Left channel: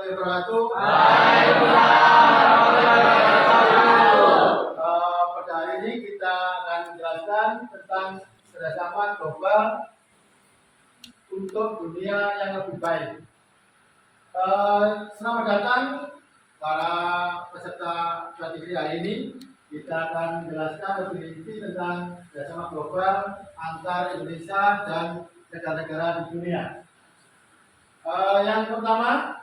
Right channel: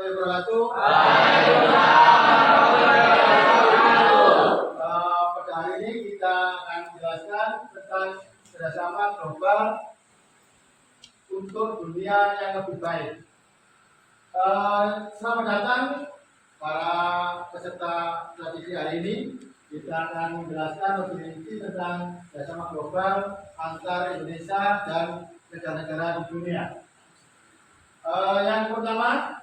Wabarakatuh. Pada hari ini kita akan menjelaskan tentang kerjasama global untuk dunia yang lebih baik. Selamat datang para peserta strategi hari ini. Kita akan menjelaskan lebih rinci tentang kerjasama global antar Indonesia dan negara-negara di dunia. Yang pertama,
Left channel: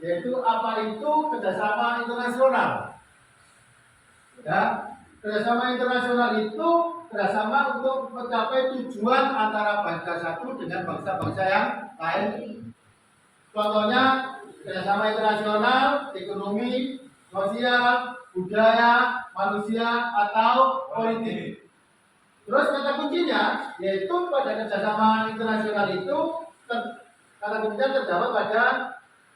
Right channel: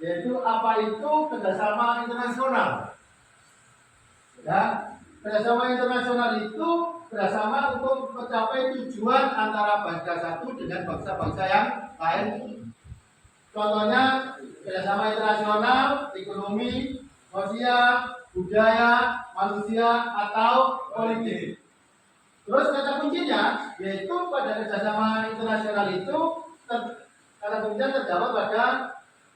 yaitu apa itu kerjasama internasional. Ya, kerjasama internasional itu kerjasama untuk mencapai tujuan antara bangsa satu dengan bangsa-bangsa yang lain. Contohnya kerjasama internasional, ekonomi, sosial, budaya, manusia, atau politik. Terus kata kuncinya yaitu pada kerjasama internasional itu kata kuncinya terdapat pada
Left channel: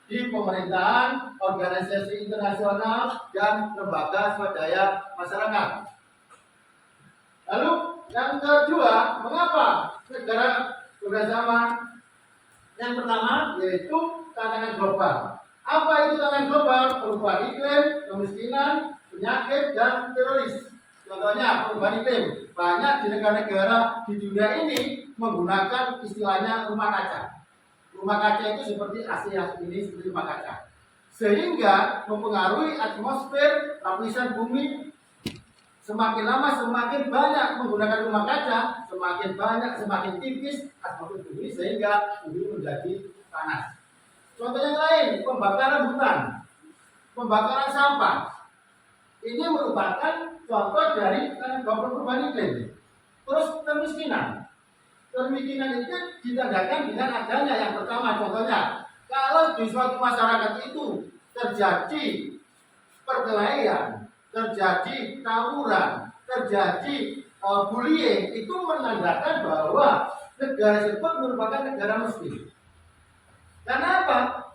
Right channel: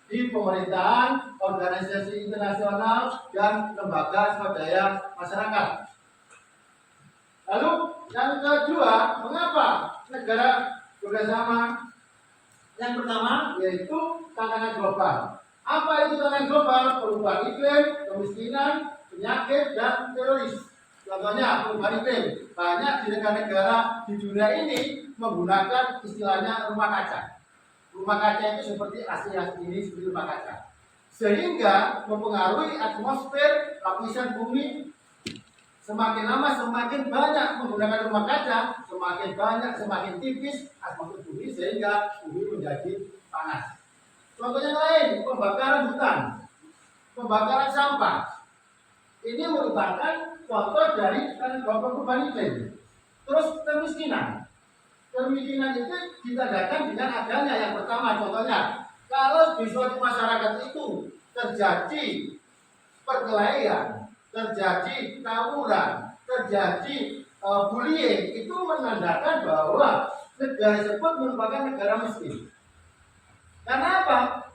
di pemerintahan, organisasi internasional, dan lembaga swadaya masyarakat. Lalu yang kedua, mengapa negara bekerjasama? Yang pertama yaitu tantangan global. Apa itu tantangan global? Perubahan iklim, kemiskinan, penyakit, dan teroris. Contohnya perubahan iklim. Banyak di negara-negara di dunia ini menggunakan istilahnya rumah kaca. Rumah kaca itu seperti Asia ini seperti rumah kaca, sehingga mempengaruhi atmosfer lapisan bumi. Semakin lama semakin banyak menggunakan rumah kaca, semakin banyak semakin tipis atmosfer bumi sehingga bumi menjadi panas. Contoh yang lain, pembakaran hutan, pembakaran sampah. Ini merupakan contoh dari perubahan iklim. Terus kemiskinan. Kemiskinan itu ditandakan dengan adanya yang pertama, contohnya kalau di suatu masyarakat itu terjadi perkelahian, terjadi tawuran, terjadi bullying, itu menandakan bahwa negara tersebut merupakan negara miskin. Karena apa?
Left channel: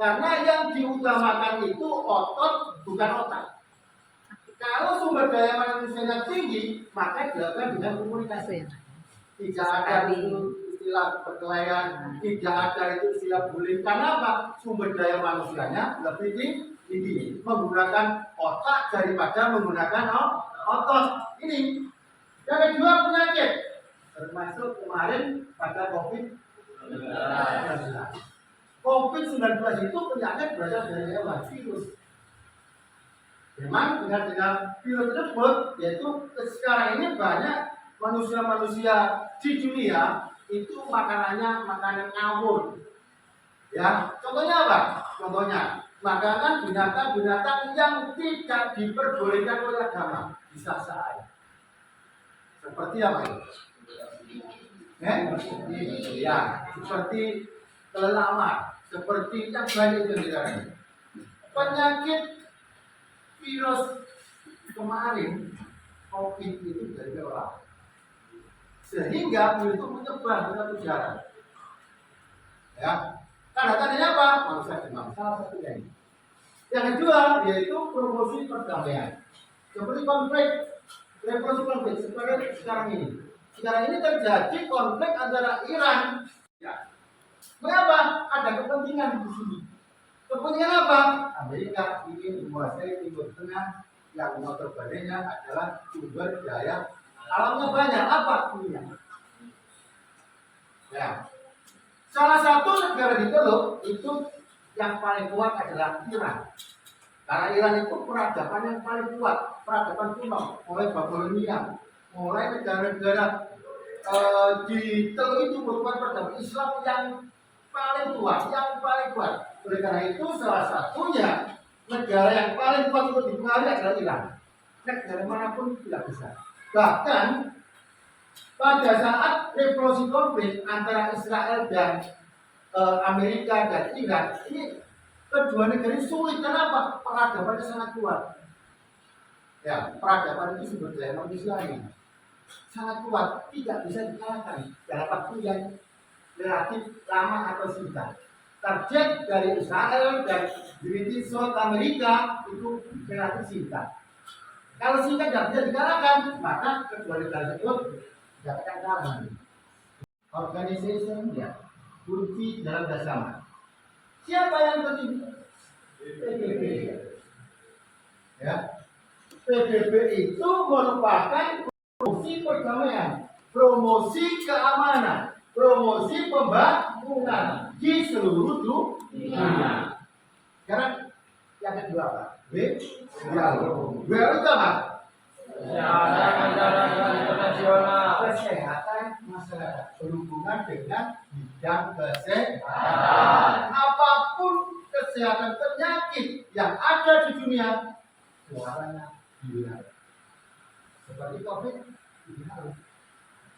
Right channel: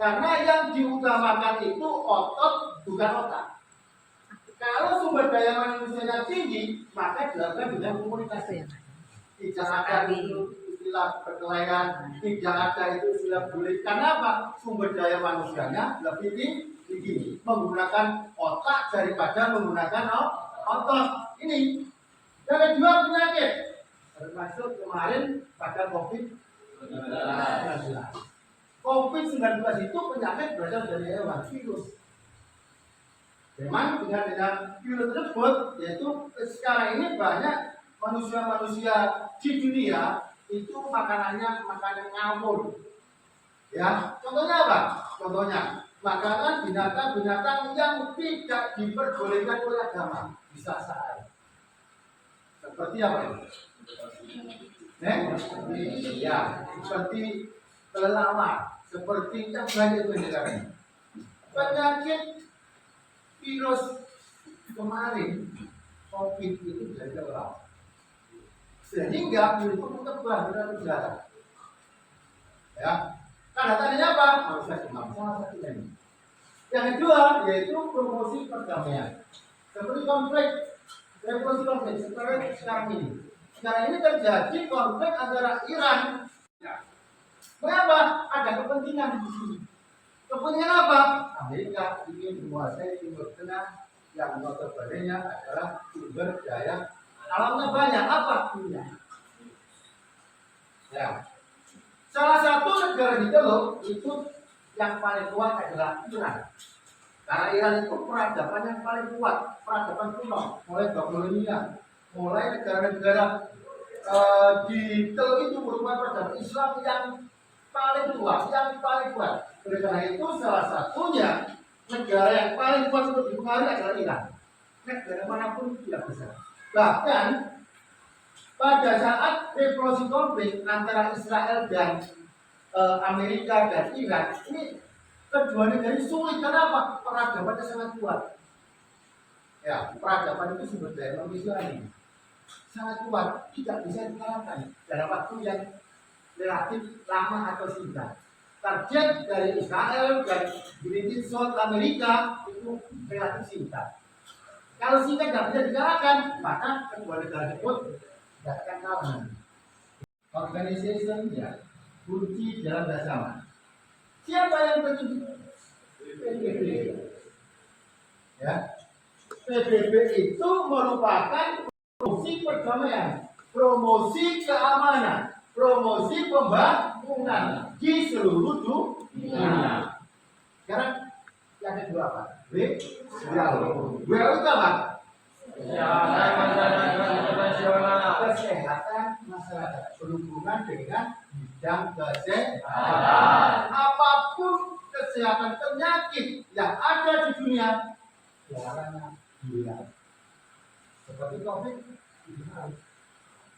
Karena yang diutamakan itu otot bukan otak. Kalau sumber daya manusianya tinggi, maka dilakukan dengan komunikasi. Tidak ada itu istilah perkelahian, tidak ada itu istilah bullying. Karena apa? Sumber daya manusianya lebih tinggi, menggunakan otak daripada menggunakan otot. Ini. Yang kedua, penyakit, termasuk kemarin pada COVID-19. COVID-19 itu penyakit berasal dari hewan, virus. Memang dengan virus tersebut, yaitu sekarang ini banyak manusia-manusia di dunia itu makanannya makanan ngawur. Ya, contohnya apa? Contohnya makanan binatang-binatang yang tidak diperbolehkan oleh agama, bisa saja. Seperti apa itu? Ya, seperti kelelawar, seperti yang banyak itu sekarang. Penyakit virus kemarin COVID itu dari kelelawar. Sehingga virus itu menyebar ke udara. Ya, tanda-tandanya apa? Manusia demam, salah satunya ini. Yang kedua yaitu promosi perdamaian. Seperti revolusi konflik seperti sekarang ini. Sekarang ini terjadi konflik antara Iran. Ya. Mengapa? Ada kepentingan di sini. Kepentingan apa? Amerika ingin menguasai Timur Tengah yang notabene adalah sumber daya alamnya banyak, apa? Minyak. Ya. Salah satu negara di Teluk itu yang paling kuat adalah Iran. Karena Iran itu peradaban yang paling kuat, peradaban kuno, mulai Babilonia, mulai negara-negara di Teluk itu merupakan peradaban Islam yang paling tua, yang paling kuat. Oleh karena itu salah satunya negara yang paling kuat untuk dipengaruhi adalah Iran. Negara manapun tidak bisa. Bahkan pada saat revolusi konflik antara Israel dan Amerika dan Iran, ini kedua negara ini sulit. Kenapa? Peradabannya sangat kuat. Ya, peradaban itu sumber daya manusia ini sangat kuat, tidak bisa dikalahkan dalam waktu yang relatif lama atau singkat. Target dari Israel dan British South Amerika itu relatif singkat. Kalau singkat tidak bisa dikalahkan, maka kedua negara tersebut tidak akan kalah. Organization ya kunci dalam bersama. Siapa yang bertujuan? PBB. Ya, PBB itu merupakan promosi perdamaian, promosi keamanan, promosi pembangunan di seluruh dunia. Sekarang yang kedua apa? WHO. WHO itu apa? Kesehatan masyarakat internasional. Kesehatan masyarakat berhubungan dengan bidang kesehatan. Apapun kesehatan penyakit yang ada di dunia, suaranya hilang. Seperti COVID,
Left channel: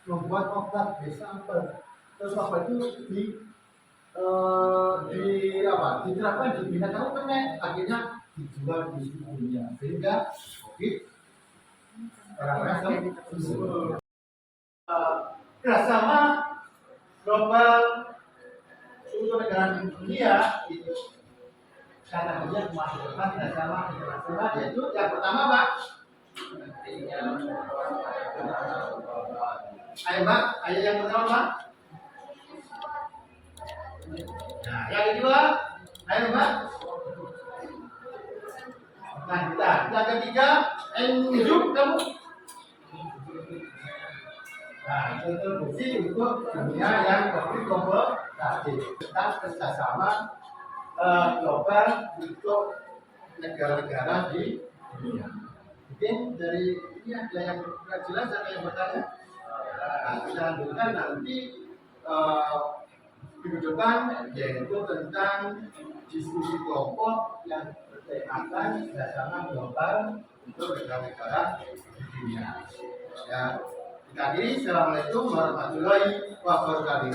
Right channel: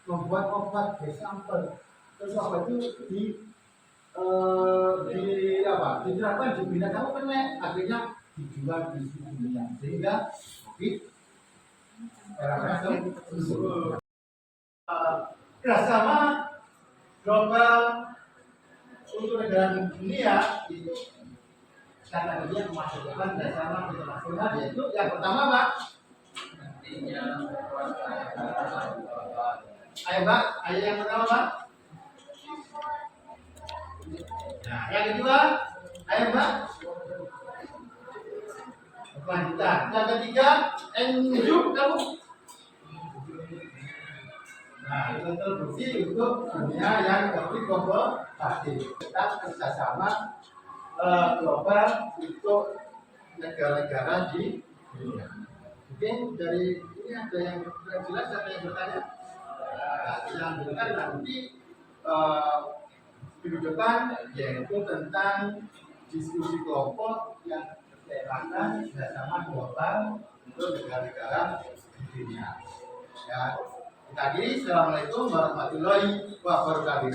membuat obat sampel, terus obat itu diterapkan di binatang kena, akhirnya dijual di seluruh dunia, sehingga COVID orang-orang kerjasama global untuk negara dunia itu karena dia memasukkan kerjasama internasional, yaitu yang pertama Pak. Ayo Pak, ayo yang pertama Pak. Nah, yang kedua, ayo Pak. Lanjutan. Yang ketiga, enjuk kamu. Nah, itu terbukti untuk dunia yang berkompetisi. Kita kerjasama global untuk negara-negara di dunia. Mungkin dari ini ada yang kurang jelas, ada yang bertanya? Nah, kita lanjutkan nanti minggu depan, yaitu tentang diskusi kelompok yang bertemakan kerjasama global untuk negara-negara di dunia. Ya. Kita akhiri, Assalamualaikum warahmatullahi wabarakatuh.